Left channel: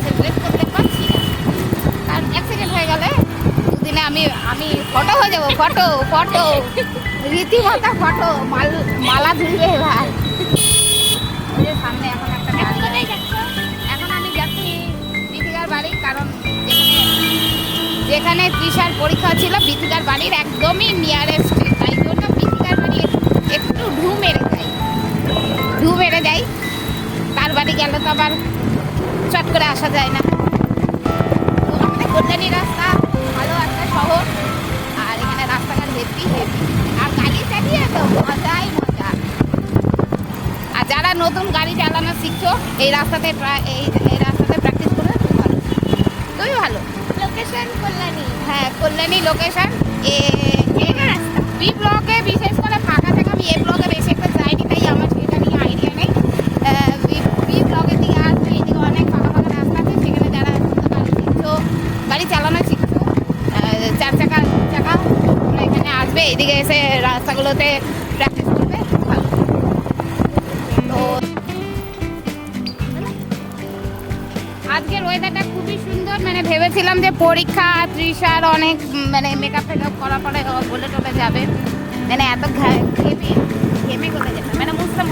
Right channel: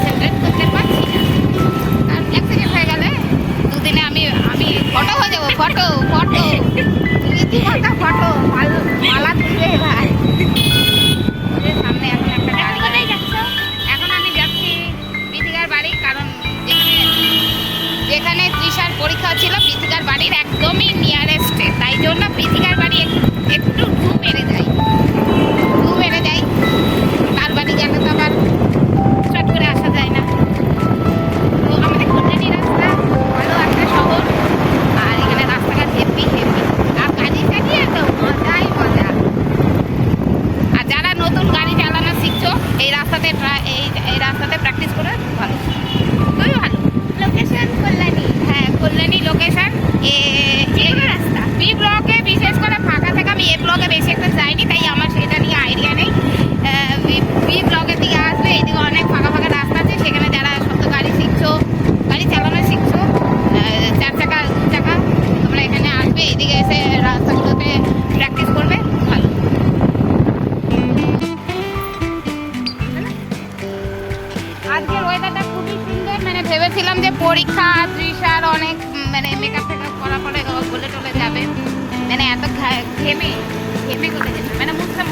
Concentrate করতে পারছি না। আর 1 সেকেন্ড হয়ে গেলে দুদিনে আমি ফটো হয়ে যাবো। ফটো রীতিমতো ফটো মালা ধুয়ে ভাই। সামনে এখন কোথায় যাচ্ছ? এখন আমি যাচ্ছি বিথিকার বাড়ি, কারণ যেখানে তৃষার পরীক্ষা ছিল বিথিকার বাড়ির একদমই নিয়ারেস্টে, তাই জন্য বিথিকার বাড়ি একটু ঢু মেরে যাই। তার বাড়ি গেলে তো আবার চট করে আসা যায় না। তো আমাদের কল্যাণী রাস্তা ভালো একটা শহর, আর এখানে রাস্তাঘাট হেভি আর গাড়ি চালিয়ে তো মজাই মজা। আর যারা নতুন গাড়ি চালানো শিখছো এই রাস্তাতে প্র্যাকটিস করে খুব ভালো। লোকেশন কল্যাণী। হ্যাঁ, কল্যাণী লোকেশন। রাস্তা বি ব্লকে বিশেষ করে ফাঁকা থাকে। আমি এ ব্লকে বেশি একটা যাইনি, তাই আমার সেটা নিয়ে আইডিয়া নেই। বি ব্লকের দিকে আসলে এইদিকে অনেক ফাঁকা রাস্তা আছে, সেখানে যারা শব্দ গাড়ি চালানো শিখছো 4 চাকা 2 চাকা, তোমরা এখানে আসবে, এইদিকে এসে রাস্তাগুলোতে প্র্যাকটিস করবে ভালো। আজকের ওয়েদারটা খুবই সুন্দর। মানে ভেবেছিলাম যে পরীক্ষা তৃষার অনেক মেকআপ করা পরে বলে চলে যাবে, এত ঘেমে কোথায় গেছে বুঝতে